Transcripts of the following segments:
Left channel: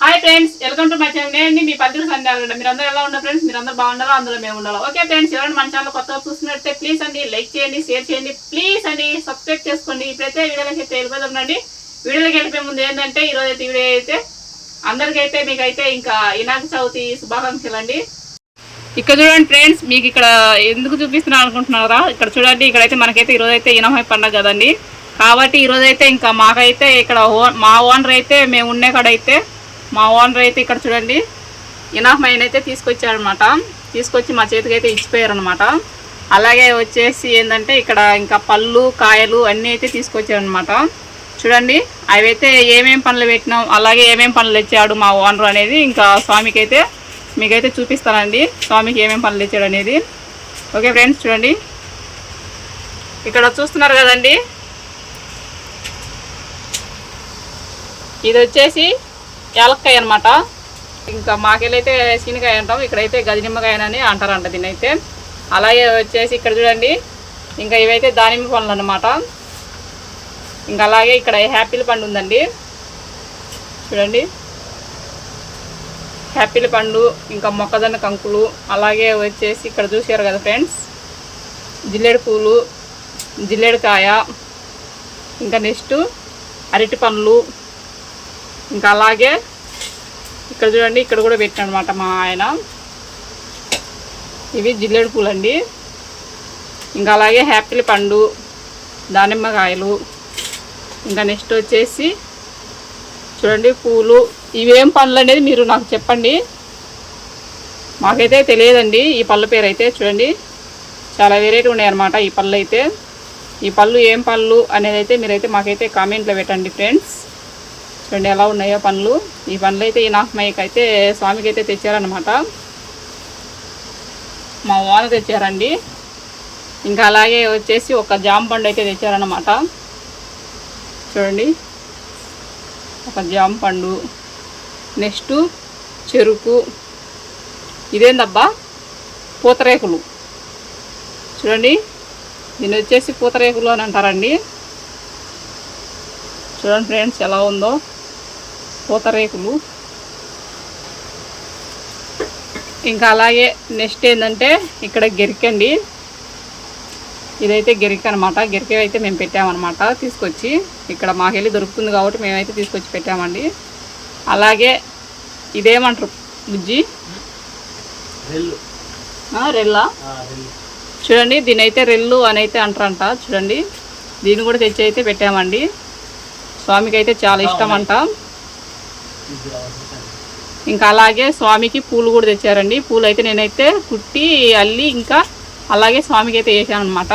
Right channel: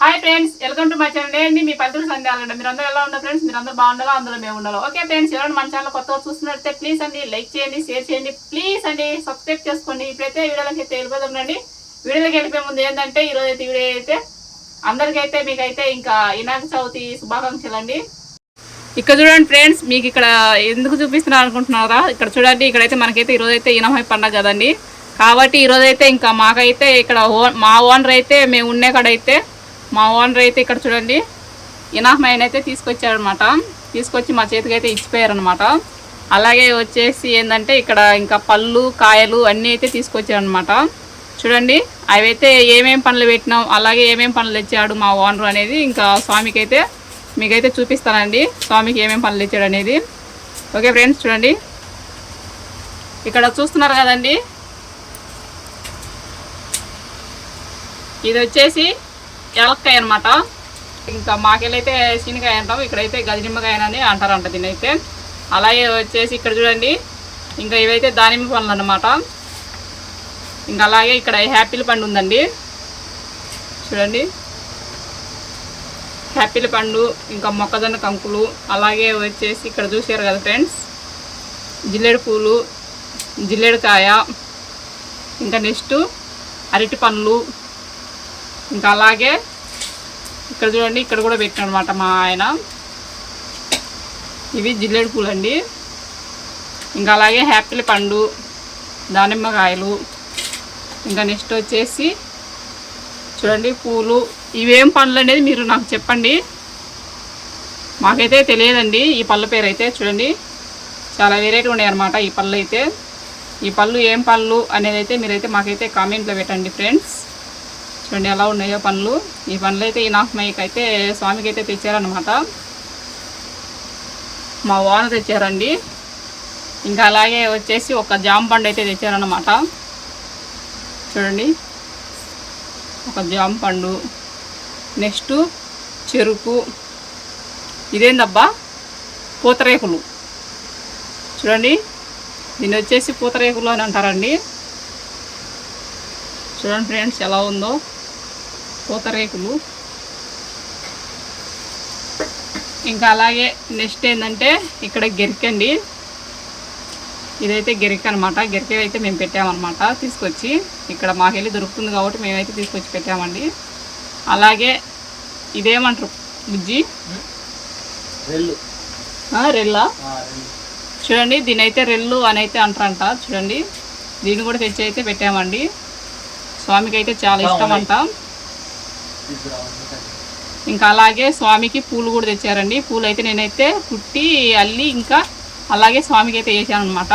Hi friends welcome to my channel నేను మీ పద్ధతి సందేహాలండి మీరు అందరూ ఎలా ఉన్నారు ఫ్రెండ్స్ మీరు అందరూ బాగుండాలో అందులో మేము ఉండాలి ఓకే ఫ్రెండ్స్ ఎవరైనా మన ఛానల్ కొత్త చూస్తున్నట్టే ప్లీజ్ అండి లైక్ చేయండి షేర్ చేయండి ప్లీజ్ అండి సబ్స్క్రైబ్ చేసుకోండి. ఇప్పుడైతే వీడియోలకి అయితే వెళ్ళిపోతుండండి వీడియోలకి వెళ్ళిపోయే ముందు ఏంటంటే ఈరోజు అయితే వీడియో అయితే అందరికైతే మీకైతే ఇంకా వినాయక చవితి శుభాకాంక్షలు అండి. ఇక్కడ చూడండి ఫ్రెండ్స్ మీకు ఇక్కడ ఎందుకు చూపిస్తున్నాను అనుకుంటున్నారా? ఇక్కడ చూడండి ఇక్కడైతే మనకైతే ఈరోజు అయితే ఇనమై పండగ కదండి. కాబట్టి ఈరోజైతే ఇంకా మాకైతే ఇక్కడ మా ఓనర్ అయితే మేము ఉండే కాడైతే మా ఓనర్ అయితే ఇక్కడ చూడండి ఇనాహమైన అయితే తీసుకొచ్చాడనమాట. తీసుకొచ్చి మా చేతికి అయితే ఇచ్చిపోయారనమాట. అలాగే వచ్చేసి ఏంటంటే ఇక్కడ ఇంకా పళ్ళు కాయలు అన్నీ అయితే తీసుకొచ్చారనమాట చూడండి అవైతే ఏమేం పనులు పెట్టినాం అలాగే ఏమేం పనులు తెచ్చాడు మా ఓనర్ అనేది ఇంకా స్వామికి అయితే మీకైతే చూపిస్తానండి స్వామికి ఏమేం పనులు తెచ్చాడు అనేది. ఓకే ఫ్రెండ్స్ చూడండి. ఇక్కడ చూస్తున్నారు కదండి. ఇది వచ్చేసి యాలక్కాయ అనమాట ఇంకా మాకెళ్ళైతే శీనికాయ అంటాం ఇక్కడైతే గజనిమ్మకాయ అని అంటారంట దీనైతే అయితే అలాగే వచ్చేసి ఇక్కడ చూడండి ఇంకా ఇవైతే దానిమ్మ పండ్లు అనమాట ఇంకా అలాగే ఇక్కడ హ్యాపీల పండు ఉందండి. చూడండి. హ్యాపీల పండు ఇంకా మొక్కజొన్న కంకులు అలాగే వచ్చేసి ఇక్కడ చూసారు కదా ఫ్రెండ్స్. జిల్లేడు పూలు జిల్లేడుకాయ ఇంకా నెక్స్ట్ అరటి పండ్లు ఇంకా అలాగే ఇక్కడ చూడండి ఇక్కడ కూడా పెట్టినమాట మా ఆయన. ఇవి జిల్లేడు పూలు అండి ఇంకా అలాగే హ్యాపిల్ పండు దానిమ్మకాయలు. ఇంకా నెక్స్ట్ వచ్చేసి చూడండి పూలు. ఇవేం పండ్లు అనేది మీరు నాకు చెప్పండి. మాకైతే తెలియదండి ఈ పళ్ళ పేరు అయితే చూడండి. చాలా వెరైటీ ఉన్నాయి అనమాట ఈ పళ్ళు అయితే. ఈ పళ్ళు ఏం పళ్ళు అనేది అయితే మీరైతే మాకైతే కామెంట్లో పెట్టండి ఫ్రెండ్స్ చూడండి ఎలా ఉన్నాయో పనులు. ఈ పనులు అయితే ఈ నాకమయ్యకి అయితే స్వామికి అయితే తెచ్చారనమాట మా వాన తెచ్చారండి. ఇంకా అలాగే వచ్చేసి ఒక జామ పండు అయితే తెచ్చారనమాట చూడండి. ఒక జామ పండు. నెక్స్ట్ చెరుకు. ఇదేందబ్బా? పూతరేకులు. చూడండి. దీన్ని వచ్చేసి పూతరేకులు అని అంటారండి. చూడండి ఫ్రెండ్స్ ఎలా ఉందో. పూతరేకులు ఇంకా అలాగే నెక్స్ట్ ఏంటంటే ఇక్కడ గెరికండి ఇదైతే గెరిక అనమాట గెరిక అయితే మేము పెట్టామన్నమాట తీసుకొచ్చి. ఇక్కడ మాకెళ్ళి దొరుకుతుంది కాబట్టి మేమైతే తీసుకొచ్చి పెట్టామండి. అలాగే ఇదేమంటారు బుజ్జి? రెల్లా. చూడండి దీని అయితే రెల్లు. అని అయితే అంటారంట. చూడండి దీన్ని కూడా తెచ్చి అయితే పెట్టామండి. స్వామికి అయితే చాలా ఇష్టం అంట ఇంకా అలాగే స్వామికి పూలు కూడా తెచ్చారండి. పూలు అయితే నేనైతే కుట్టి అల్లి ఇంకా అలాగే స్వామికి అయితే వేసాను అనమాట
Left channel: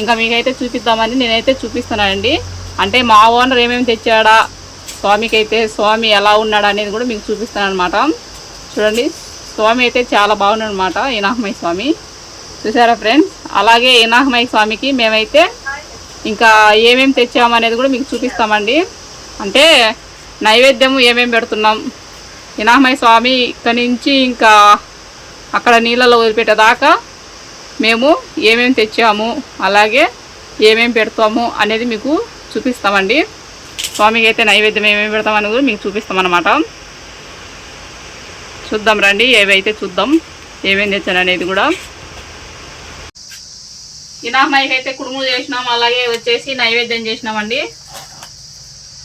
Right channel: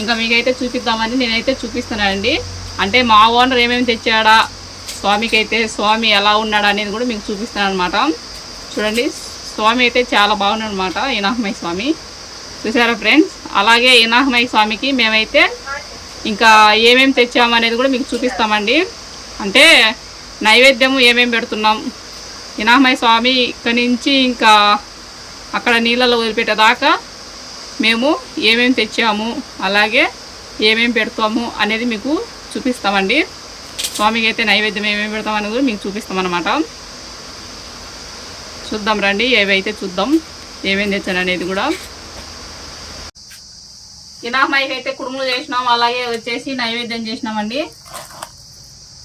ఇంకా మీకైతే చూపిద్దామని నేనైతే చూపిస్తున్నానండి. అంటే మా ఓనర్ ఏమేమి తెచ్చాడా స్వామికి అయితే స్వామి ఎలా ఉన్నాడా అనేది కూడా మీకు చూపిస్తాను అనమాట చూడండి స్వామి అయితే చాలా బాగున్నాడు అనమాట ఈనాహమయ్య స్వామి. చూసారా ఫ్రెండ్స్? అలాగే ఈనాహమయ్య స్వామికి మేమైతే ఇంకా ఏమేమి తెచ్చామనేది కూడా మీకు చూపిస్తామండి. అంటే నైవేద్యం ఏమేమి పెడుతున్నాం? వినామయ్య స్వామి ఇక్కడి నుంచి ఇంకా అక్కడ నీళ్ళలో వదిలిపెట్టేదాకా మేము ఏమేమి తెచ్చాము అలాగే ఏమేమి పెడతాము అనేది మీకు చూపిస్తామండి. స్వామికి అయితే నైవేద్యం ఏమేమి పెడతామని కూడా మీకు చూపిస్తామన్నమాట. చూద్దాం రండి ఏవైతే చూద్దాం ఏమేమి తెచ్చాను అనేది కూడా. వినామయ్యకి అయితే కుడుములు చేసినాం అలాగే వచ్చేసి నైవేద్యం చేసినామండి.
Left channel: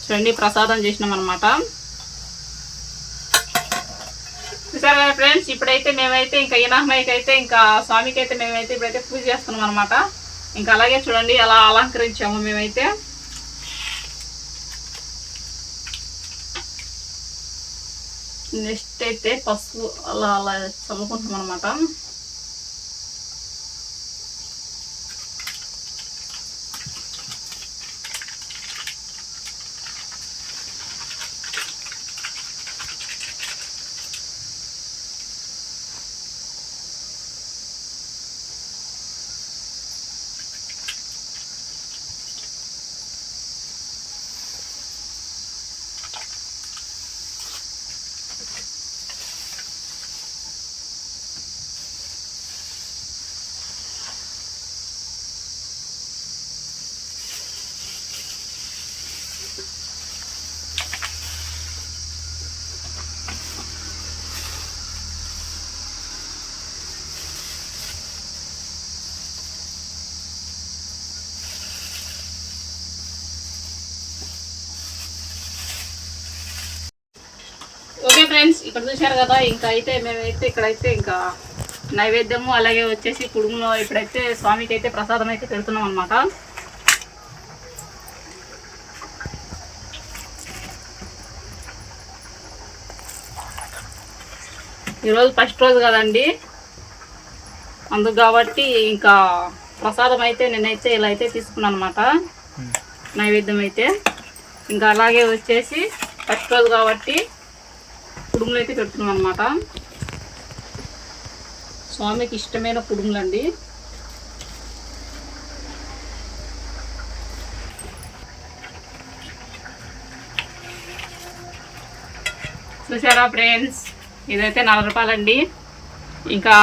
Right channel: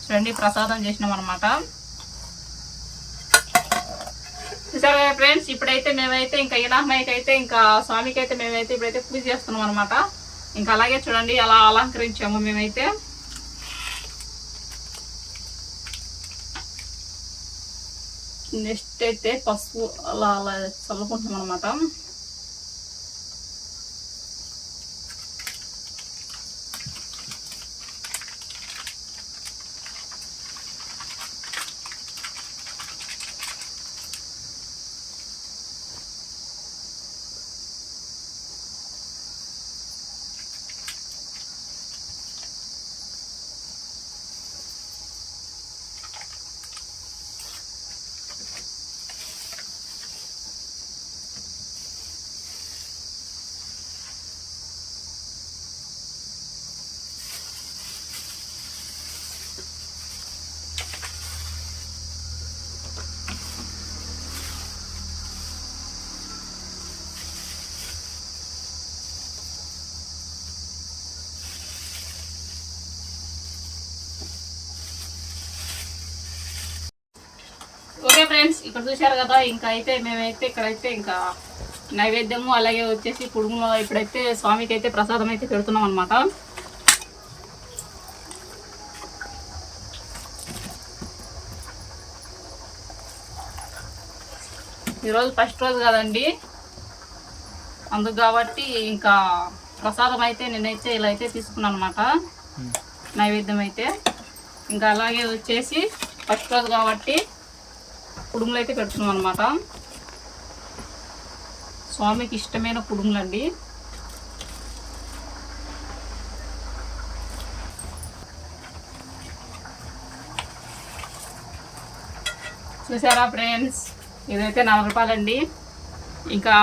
చూడండి ప్రసాదం చేసినాం అనమాట చూసారు కదా ఫ్రెండ్స్? ఇప్పుడైతే మేమైతే ఇంకా ఇనామయ్యకి అయితే ఇంకా స్వామికి అయితే మేమైతే ఇప్పుడైతే పూజ చేస్తున్నాం అనమాట ఇంకా అలాగే చూడండి అలా అలంకరించాము మేమైతే. నెక్స్ట్ అయితే పసుపు అలా అలా చల్లుకుంటాం అనమాట ఓకే ఫ్రెండ్స్ ఇక్కడ చూశారు కదా ఇంకా అయితే మేమైతే ఇక్కడైతే ఇంకా నైవేద్యము అలాగే వచ్చేసి కుడుములో ఇప్పుడైతే స్వామికి అయితే ప్రసాదం అయితే పెడుతున్నాం అనమాట ఈరోజు ఫస్ట్ రోజు కదండి. అందుకు కాబట్టి ఇంకా ప్రసాదం అయితే నేనైతే ఇలా అయితే తీసుకున్నాను అనమాట నైవేద్యం అయితే. ఇంకా అలాగే వచ్చేసి ఫస్ట్ రోజు కాబట్టి కుడుములు అయితే పెడుతున్నాం అనమాట స్వామికి ఇష్టమైన కుడుములు అండి చూసారా ఫ్రెండ్స్? ఇదైతే నలభై రూపాయలండి. ఇంకా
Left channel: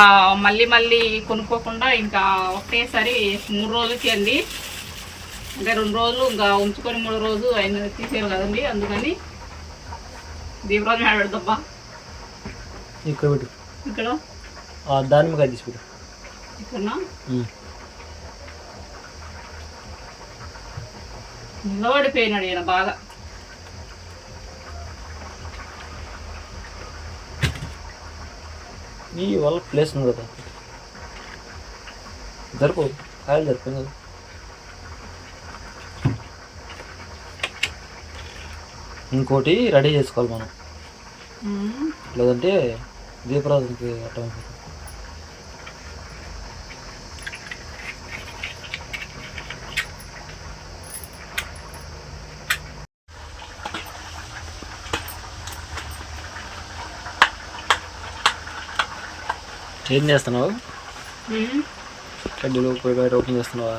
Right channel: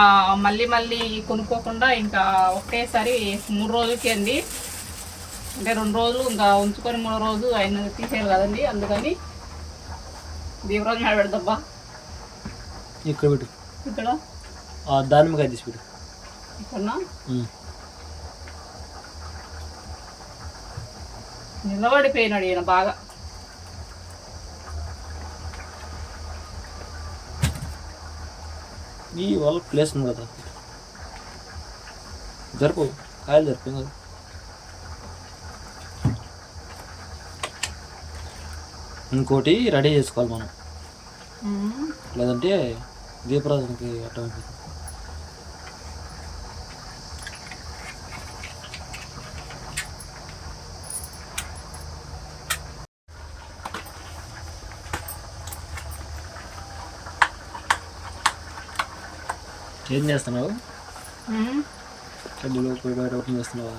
మళ్ళీ మళ్ళీ కొనుక్కోకుండా ఇంకా ఒకటేసారి మూడు రోజులకి అండి. అంటే రెండు రోజులు ఇంకా ఉంచుకొని మూడో రోజు ఆయన తీసేయాలి కదండి అందుకని దీపరాజు మేడ పెడదబ్బా ఇక్కడ పెట్టు. ఇక్కడ? ఆ దానిమ్మకాయ తీసి పెట్టు. ఇక్కడ. నిలబడిపోయినాడు ఈయన బాగా. ఈ వాళ్ళ ప్లేస్ ఉంది కదా. జరుపు కాయలు జరిపోయింది కదా ఇంకోటి రెడీ చేసుకోవాలి మనం. లేదంటే దీపరాజుకి అట్టం అయిపోతుంది. ఏం చేస్తున్నావు. కడ్డీలో పోయి బయట ఓపెన్ చేస్తున్నావా?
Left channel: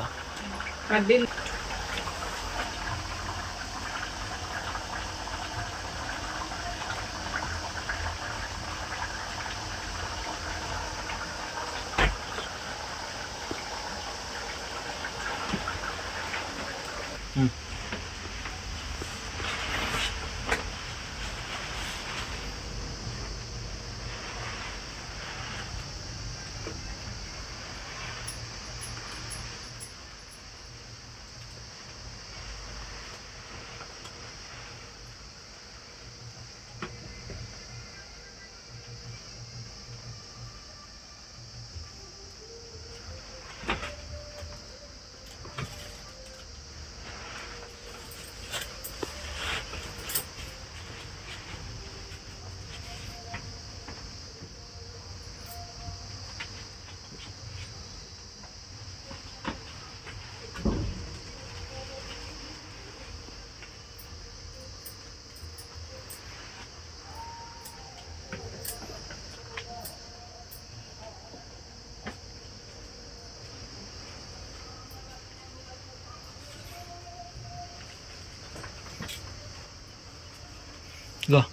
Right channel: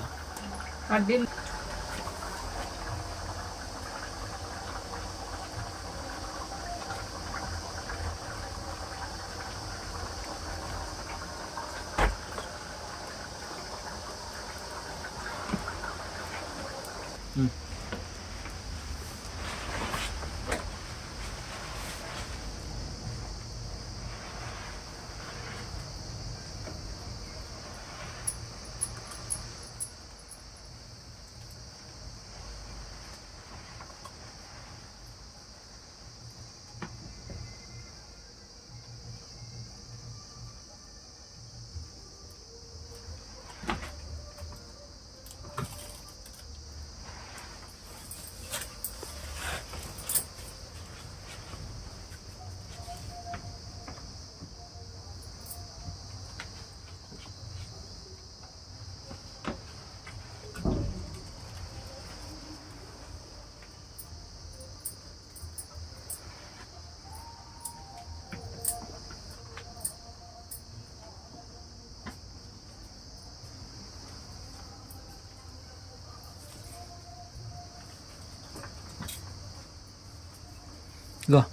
Güzel.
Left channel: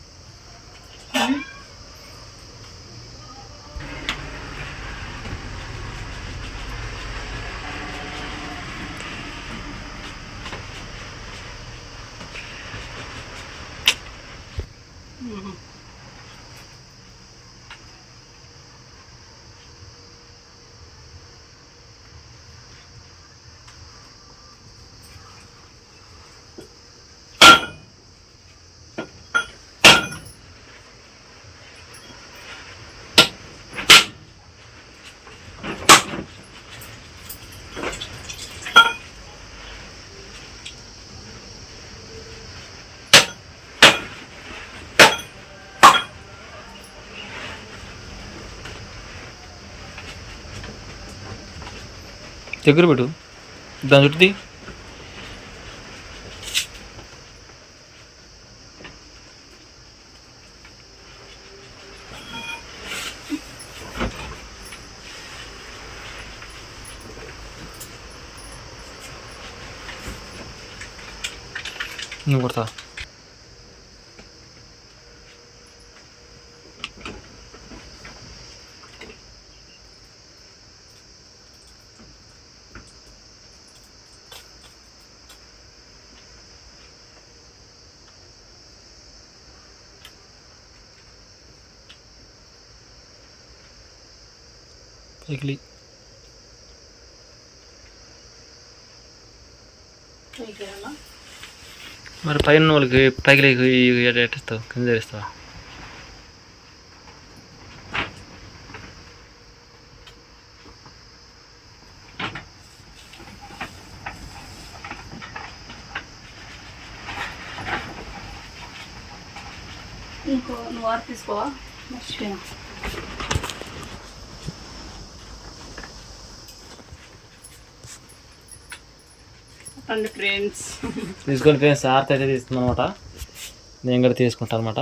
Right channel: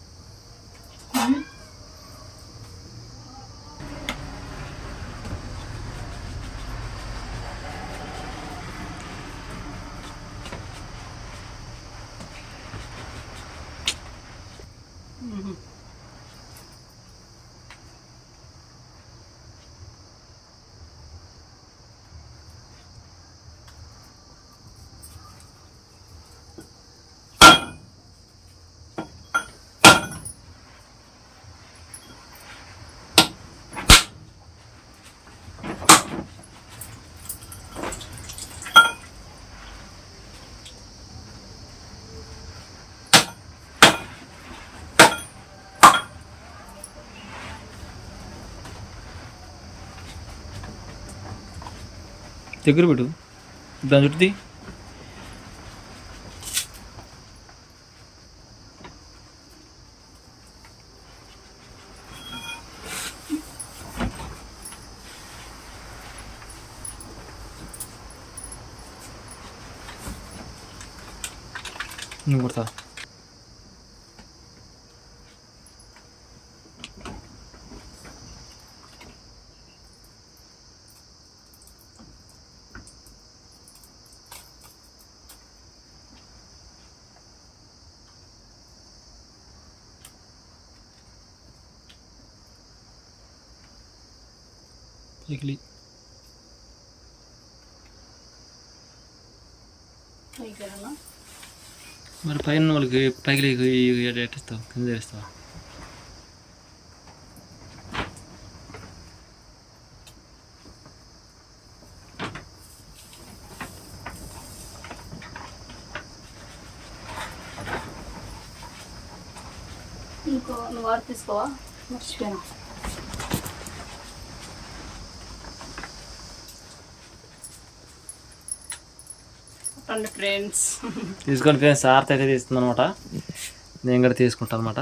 దగ్గర పెట్టు దాని చుట్టూ తీ. నువ్వు కొడతా మిగిలి మరి పైన వాళ్ళకి పైకి ఎట్టిస్తావు కింద చేస్తావా? నువ్వు ఆరు తీసుకోవా? మర్చిపోయినా. తీసుకోండి ఫ్రెండ్స్. తీసుకోండి ఫ్రెండ్స్ ఆర్తి అయితే తీస్తుంది అనమాట నేను కూడా తీసుకుంటాను అనమాట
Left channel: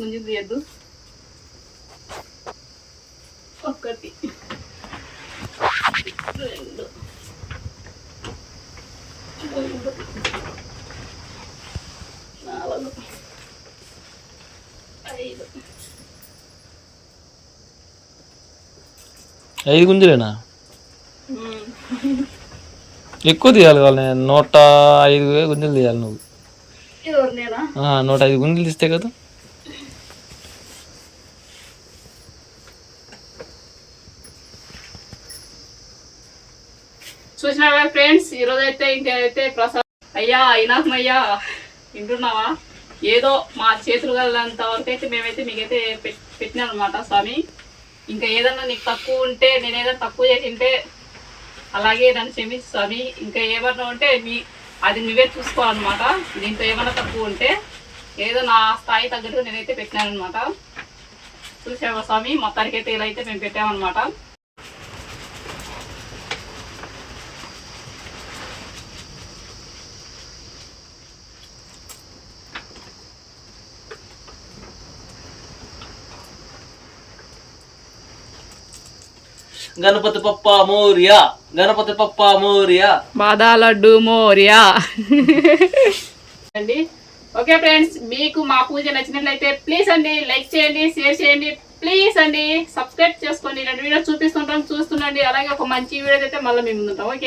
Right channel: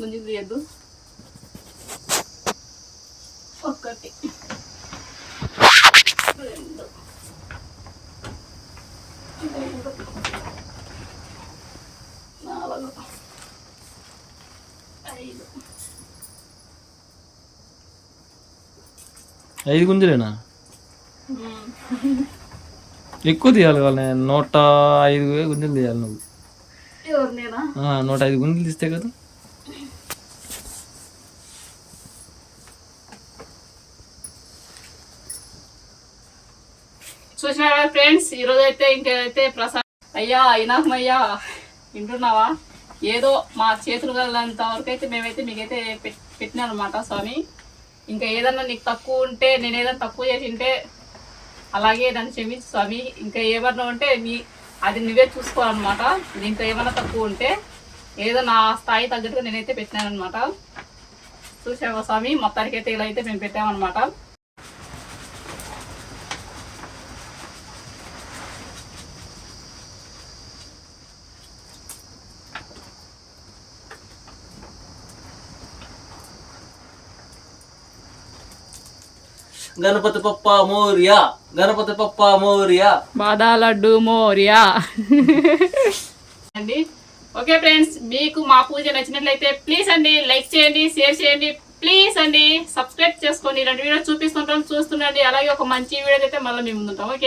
ముందుకు తీయద్దు ఒకటి. రెండు. మూడు నాలుగు. ఐదు. ఐదు గుంజలేనా. ఎక్కువ తీయాలి వాళ్ళని నూట ఐదు గుంజలు తీయాలి నువ్వు. నూట ఐదు గుంజలు తీస్తే కదా? చూసిన ఫ్రెండ్స్? ఈరోజు అయితే ఇంకైతే ప్రసాద్ అయ్యా అయినాకమయ్యా వింటున్నావా? ఏదో మా చేతులు కలంత వరకు అయితే మేమైతే మీకైతే పెట్ అనమాట స్వామి. ఇంకా ఏదన్నా నీకు తక్కువ ఉంటే నేను తక్కువ చేసి ఉంటే అలాగే నన్ను క్షమించు స్వామి. ఇంకా ఏమన్నా ఉంటే మీ అది నువ్వే చూసుకోవాలన్నమాట. దీంతో ఏమన్నా తక్కువ ఉంటే ఏదో నా స్థాయి తగ్గట్టు నేనైతే పెట్టినాను అనమాట చూసావా స్వామి? మొత్తానికైతే ఇలా అయితే మేము పెట్టామన్నమాట. గణపతి పప్ప మోరియా. గణపతి పప్ప మోరియా. బాదా లడ్డు మోరియా. అండి ఓకే ఫ్రెండ్స్ మీకు మా పూజ నచ్చినట్లయితే ప్లీజ్ అండి లైక్ చేయండి షేర్ చేయండి ప్లీజ్ అండి సబ్స్క్రైబ్ చేసుకోండి రెండు. వీడియో చూపిస్తుంటాం చూస్తుండండి. అలాగే ఒక మంచి వీడియో అయితే మళ్ళీ మేము ఉంటాం ఓకే.